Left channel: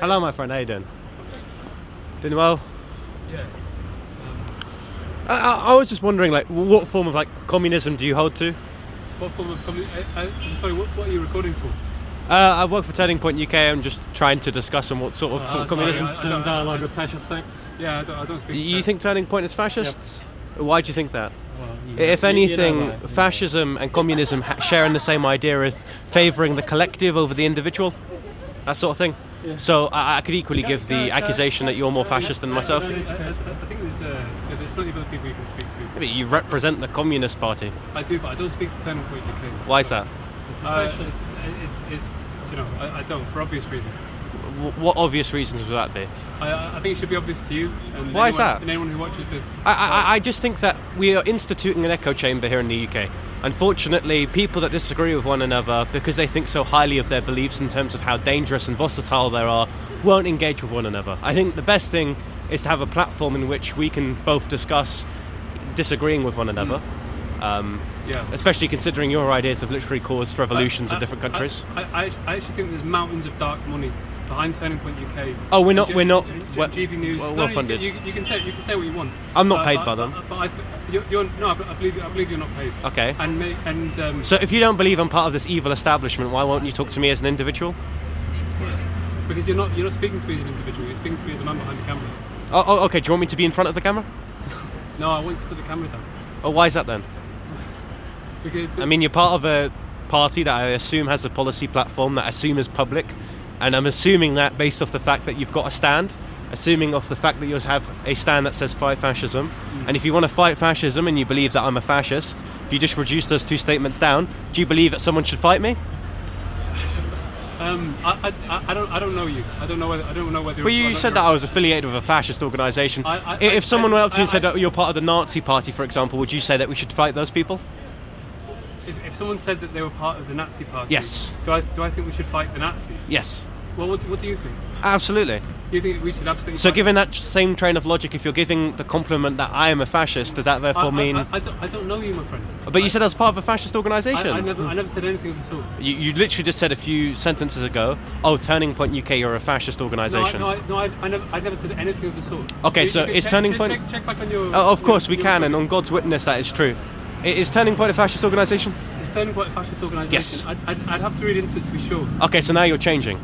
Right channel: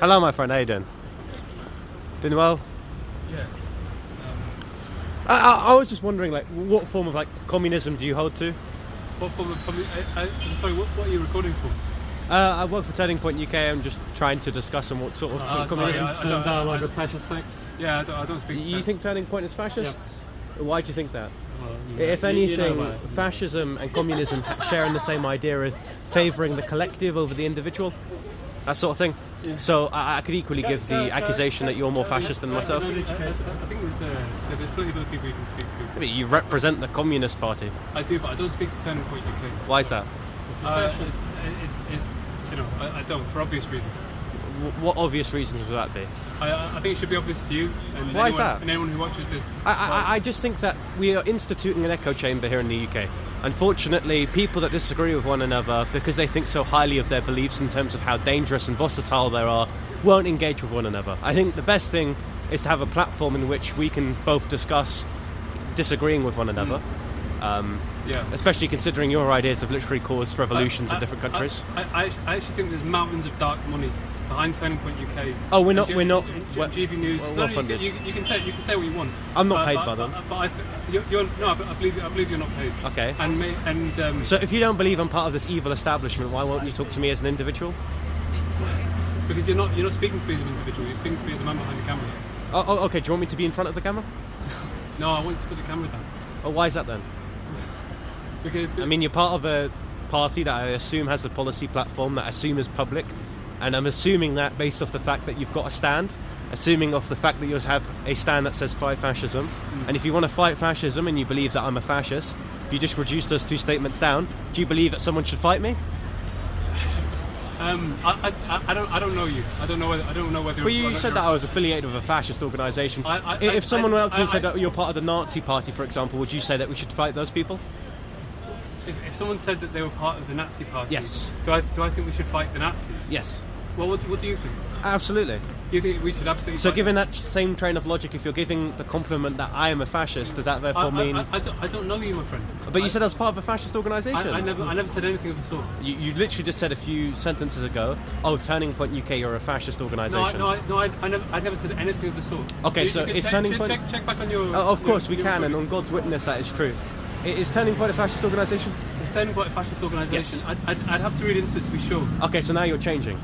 Hello, my friend. How you doing? Doing well? Yeah. I was just wondering, like, what form of communism do you hold to? What form of I'm sorry. What are you recording for? I work for Turning Point UK. I'm just trying to discuss on what sort of communism. I don't dialogue with fascist sects. Yeah, I don't speak. You think Turning Point is fascists? Why do you think that? Well, If anything, fascism and communism sharing the same idea of favouring the collective over the individual, that sort of thing. Yeah. So I could equally give the accusation that you're more fascist than myself. I think there's plenty of other people you can speak to. Yeah, but you represent the Communist Party. I do, but I don't speak to Turning Point UK. Why is that? It's I don't, for obvious reasons. What obvious reasons would that be? I think it should be obvious to you and Why is that? And anyone who watches this. I just think that we are instituting an echo chamber here in the UK. Unfortunately, people that disagree with one another because they think so highly of their beliefs in terms of how dangerous and versatile they are, won't engage with one another. I think the best thing is to have a platform in which we can both discuss disagreeing with one another. Yeah. Especially considering your ideas have literally caused revolutions in different countries. I actually think there's mountains of dark money behind Turning Point UK. Oh, we're not. GB News. Well funded. You can say what you want. I'm not paid by them. But I believe you're not paid. Okay. And so if you don't believe I'm part of this evil establishment, why won't you talk to me as an individual? Because you're not speaking to me as an individual. You're speaking to me as a man behind the camera. Oh, okay. Do you want me to be in front of the camera? No, I want you to put the camera down. Oh, why is that then? Because I mean, you're part of a party that I assume has a policy platform that I assume is public, and I'm assuming that based off the fact that you've got a stand, assuming off the fact that you have a stand that says fight fascism, and if you want to fight fascism and you believe that I'm a fascist, if you just reduce those two statements down, do you believe that someone should fight me? I don't know you. I don't know whether. Well, you said that I was affiliated with a fascist organisation. If someone went up to you and said that you're part of the Nazi party, for example, would you say that we should fight those people? If someone said that they were part of the Nazi party, yes. Do I think we should fight the Nazis? Yes. Well, what do you think? Absolutely. You think we should absolutely? So, fight? given that same train of logic, if you're giving the compliment that I am a fascist, does that therefore mean? I don't know you, my friend. But you said I was part of a fascist organisation. I never said anything of the sort. You literally just said a few sentences ago, "Oh, Turning Point UK, you're a fascist organisation." I never said anything of the sort. Okay, so is Turning Point? Check back on your. Of course we can, and on God's witness, that is true. Is Turning Point a fascist organisation? Is Turning Point a fascist organisation? Yes. I'd have to read into it to be sure. Okay, so now you're changing.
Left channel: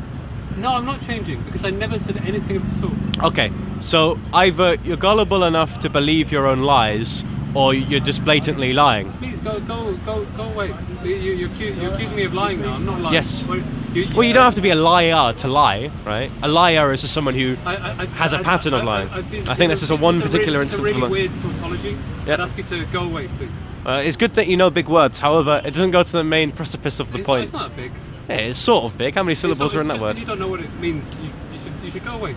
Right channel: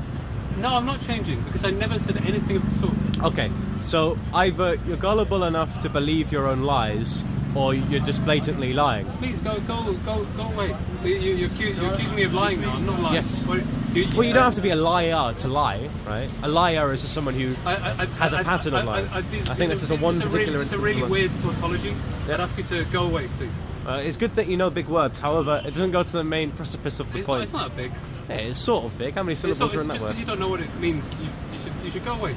No, I'm not changing because I never said anything of the sort. Okay, so either you're gullible enough to believe your own lies, or you're just blatantly lying. Please go away. You're accusing me of lying now. I'm not lying. Yes. Well, you don't have to be a liar to lie, right? A liar is just someone who has a pattern of lying. I think that's just one particular instance. It's a really weird tautology. Yeah. I'd ask you to go away, please. It's good that you know big words. However, it doesn't go to the main precipice of the point. It's not big. Yeah, it's sort of big. How many syllables are in that word? Because you don't know what it means. You should go away.